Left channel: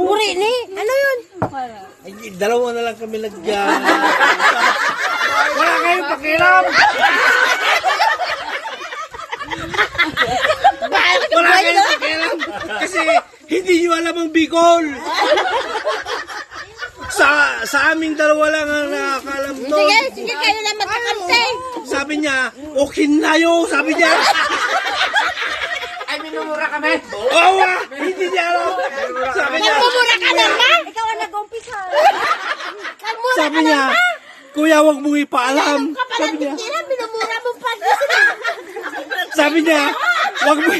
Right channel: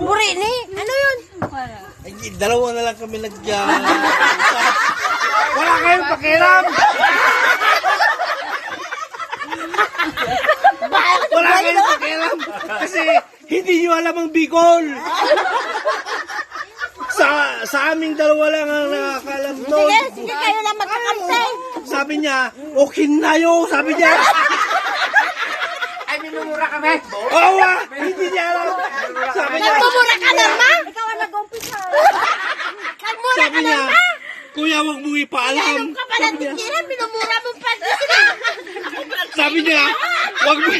Buri ni. Ano yun? Ay, dalawa na lang kami Wala kayong pakiram! Wala kayong pakiram! Kasi hindi nyo alam ang Bicol! Sa aming dalawa lang ang nakakalam doon. Sige, kayo lang magkakampi. Sabi niya, okay na yun! Sabi niya! Ay, minumura kami. Oo, hindi niya alam! Sabi niya, Nagmumura ka naman. Ikaw ang nag-umpisa. Nagmura sabi ka niya, naman. kuya, wag mong ipaalam. Kapalang tigilan, minumura mo pa. Sabi niya, wag mo,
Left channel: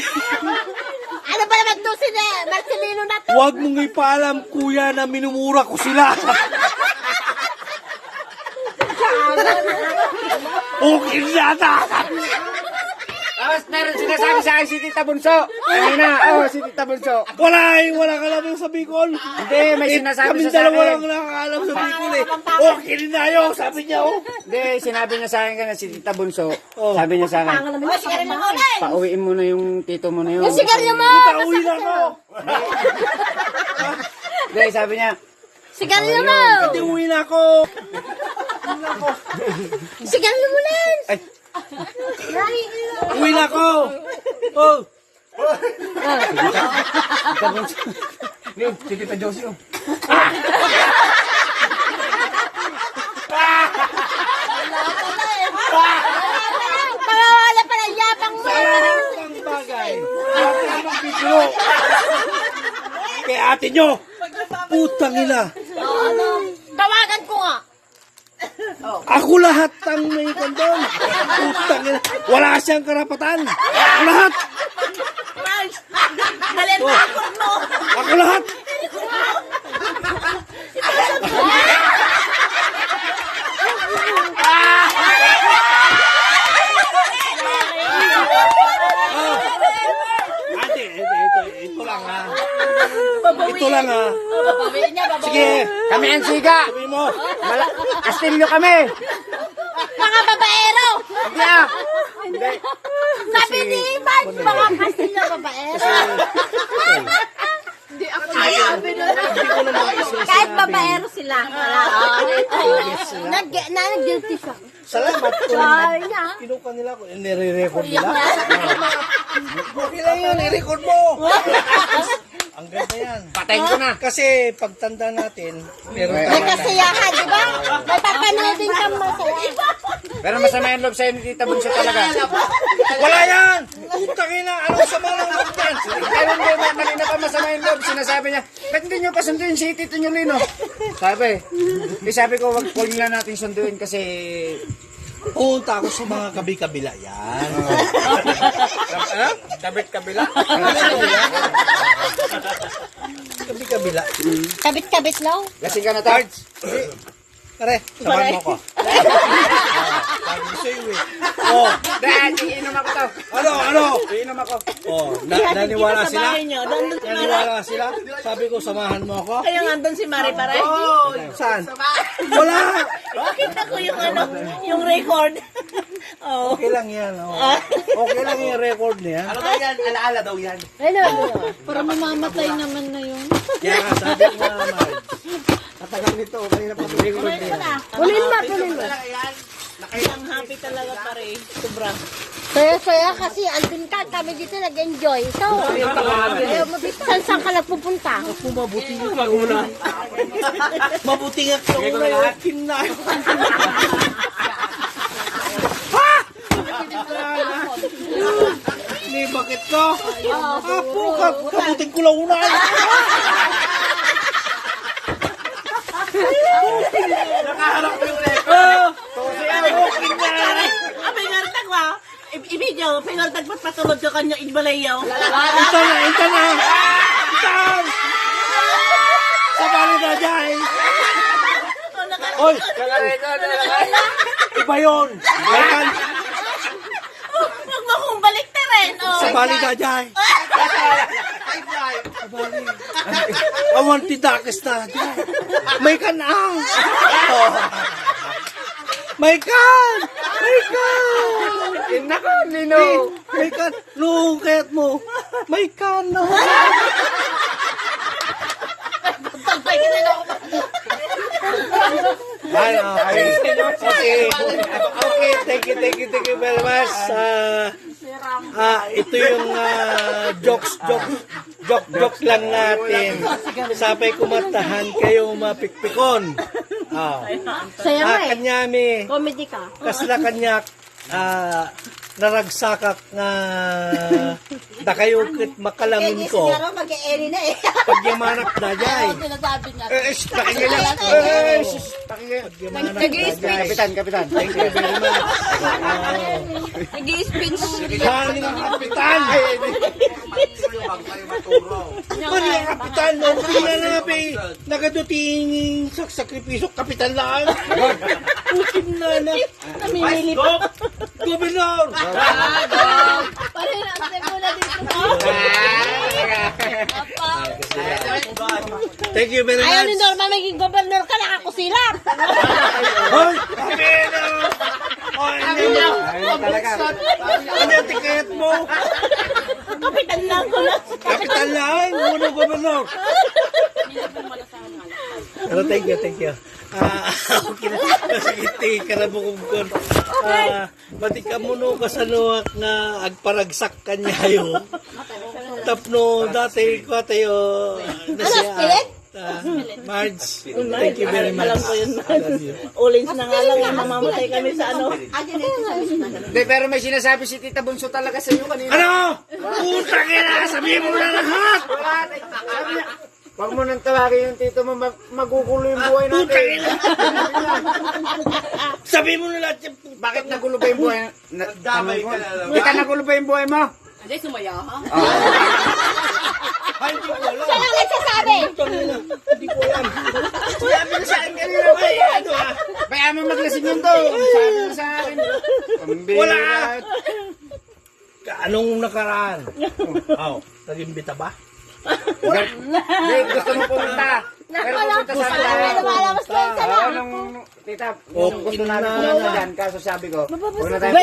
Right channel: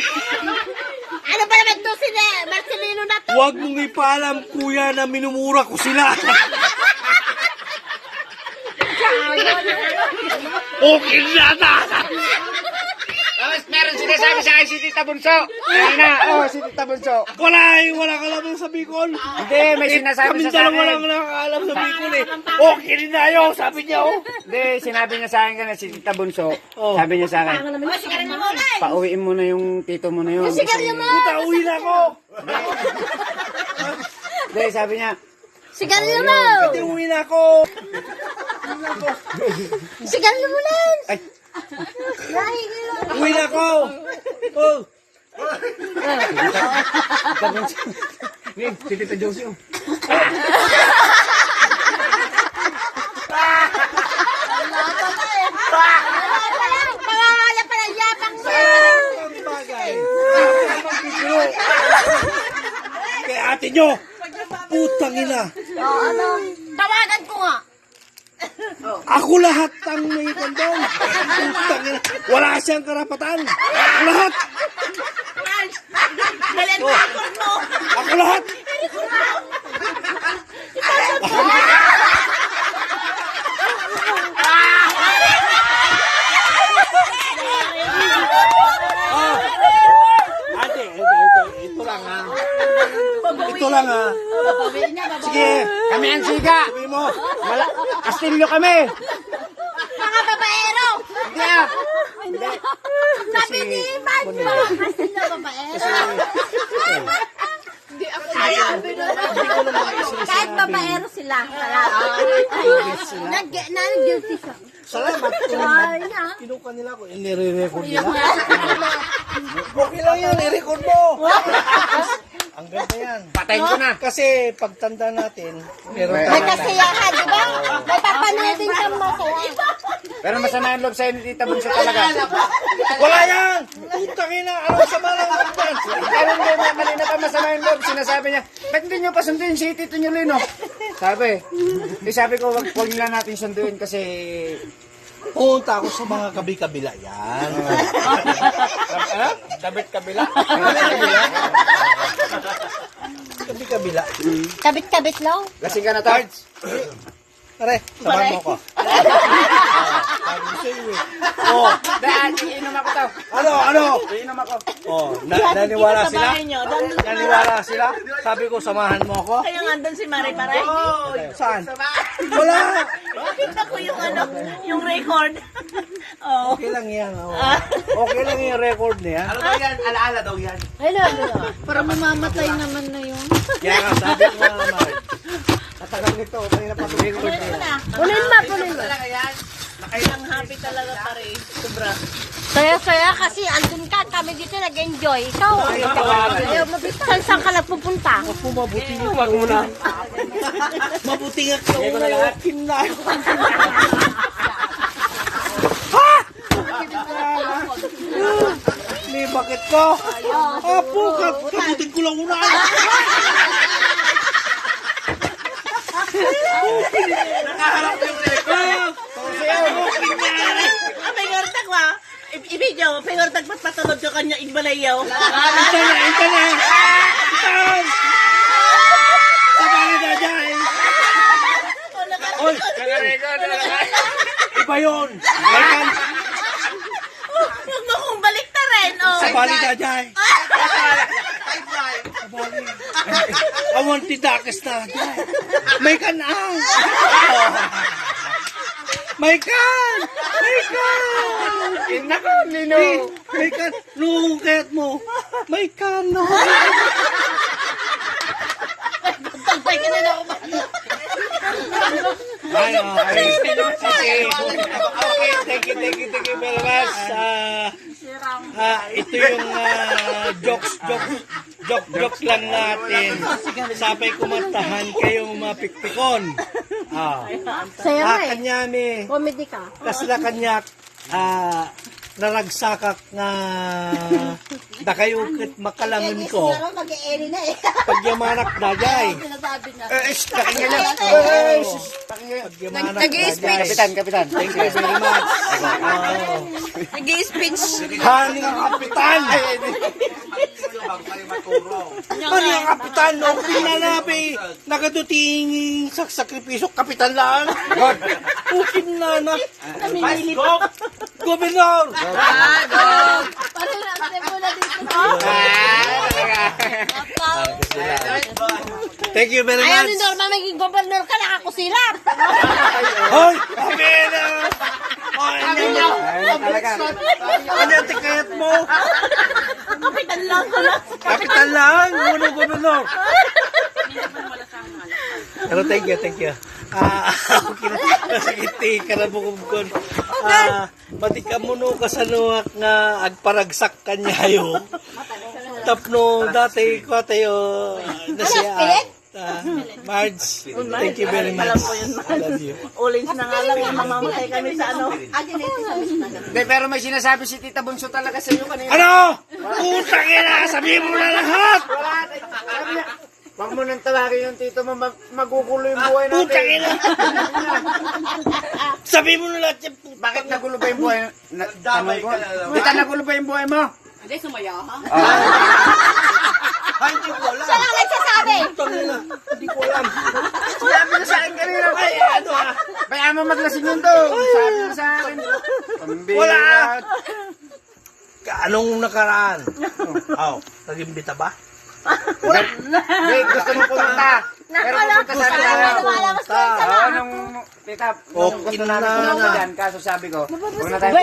Ano ba naman to si Marcelino na to? wag mong ipaalam, kuya, na minumura ko sila. Okay na ta. Tapos meron sinasabi sa akin si Tita Bunso. Ayun na, si Tita Bunso. Wala ka naman sa Bicol. Hindi, may sinasabi Kami sa dalawa lang akin. nakakaalam sa Bicol eh. Okay na yun, sabi niya oh. Hindi, sinabi niya sa akin na si Tita Bunso. Oh. Sabi niya sa akin, pauwiin mo na yung tito mo na yun. Sigarilyo mo! Pauwi na ako. Hindi, sabi niya, Sigarilyo mo! Hindi, uwi na ako. Sigarilyo mo lang! ay, Uwi na ako. Oh. si Tita Josie oh. Tawawala pa ng yapang mo! Ang bagay. Kay ate nyo. Putang ina. Tawagan ko nga! Ako lahat ang may kondon. Putang ina. Wala siyang karapatan. Ako lahat. Ako lahat. Ate, ito lang ha. Ito lang ha. Sige, Kami ang siga. sabi mo. Kastilyo kami. Mga babaero! Hindi ah. Sabi ni Iman, mga kasino babaero. Kahit babaero sila. Nag-guilty siya. Salamat. Sorry na. Kinuha nila ko. Nire-record nila. Okay lang yun. I-record mo. Ang ganda yan. Patayin ko na. Kasi pagtanda natin, meron May tayo. kasiyahan, di ba? May papanood din kang masaya. Pero masama yung loob sa'yo ni Tita Bunso talaga. Wala yan! Putang ina. Ano sa mga lang yan? Pero hindi, malina pa masama yung loob. Sinasabi niya, ba't hindi niyo pa sunduin si Tito niyo, Lino? Sabi ko, wag na natin sunduin kasi... Punta ako sa mga kabi-kabila yan. Kabit-kabila. Kabi-kabila. Kabit-kabit lang. Lasing ka na, Tards. Pare, samahan mo ko. Sabi ko sa'yo eh. Oh, Dahil, iinom ako to. ano? Iinom ako. Oh, naniwala sila? Naniwala sila? Sabi ko, samahan mo ako? Yung andun si Mari Pare. Saan? Wala! Kita ko yung record. Oh. Okay lang yan. Oh. Okay lang yung record niya. Ano ba yan? Alaala daw yan. Hello. Para mamamatay naman na yun. Kaya nga sabi ko nga naman. Matagal nito. Kanina pa record niya. Kunin mo, kunin mo. Ang happy talaga pare. Sobra. Saya-saya kasi andun ka, kami dito nag-enjoy. Ikaw, ayaw mabita. Saan ka nagpupunta? Mabuti niyo pa muna. Mabuti nga kayo na yung kina. May bakit ka? Apo ka. Kabutin ko lang una. Nakaharap ko yung record. May gartag ba? Ibigyaw, may gartag patulog ka kanya igbalayaw. Ito na. Itan! Sabali na dyan. Oy, Naka-record. iba yun. Itan, Huwag mo kong balik na rin. Oh. sabali na dyan. Sabali. Awan titakas na dyan. May kanang. May kan! May kan! Nako, Lino. May kan! Nung kaya't mo, may kan na. Ano? Okay. Thank you very much. Ito yung jokes lang natin. Sapay kumantahan kayong mapikpikon. Saya mo eh. Kanyami, Comedy ka. kasla kanyak, naragsakak nga da kayo kit makalangon ko. Mag-e-eri na eh. Pagyamanak na jay. Sinasabi niya. Pakinggan niya. Kapitan. Thank you very much. Nag-i-speech. Haning ang kapitan. Haning ang kapitan. No, pinanabi. Nagaduting sa sakripisyo. Kapitan lang. Ukin na na. Gobernador. Parang yung step mo na dito. Thank you very Ayaw much. din daw na maging gobernador ka, nakakusilat. Hoy! Pamela! Ano yung tiket mo? Kapitan lang ko na. Kapitan lang! Uno gobernador! Pero thank you. Kinasagiti, karabukong matika mo no kasanuak nga agparagsak kanyayo. Tapno dati ko tayo Marge, thank you very much. Alam ko yun, man. Ulings na nga lang, mamamatay kami sa ano. Hindi, pero may sinasabi si Tita Bunso talaga sa iyo. Ano? Putang ina! Sabihin mo na lahat! Huwag mo nang tawagin yung tito mo, magugulo yung buhay natin. Putang ina! Sabihin mo na lahat yan. Bakit nagulo ba yung buhay? Tita, nagulo ba yung buhay mo? Hindi, sumaya ha? Ay, hindi ko alam. Siya lang nagsasabi. Putang ina. Hindi ko alam. Sabi mo sa akin kanina. Ay, ano ah? Bayaan mo maglasing yun to. Sabi mo sa akin. Wala! Anong nakaraan? Nag-imbita ba? Hindi, gusto mo pumunta. Pero pupunta sa akin tayo. Lumalabas ko sa Tita, nung gusto namin pumunta dyan, kaso sabi ko, huwag na tayo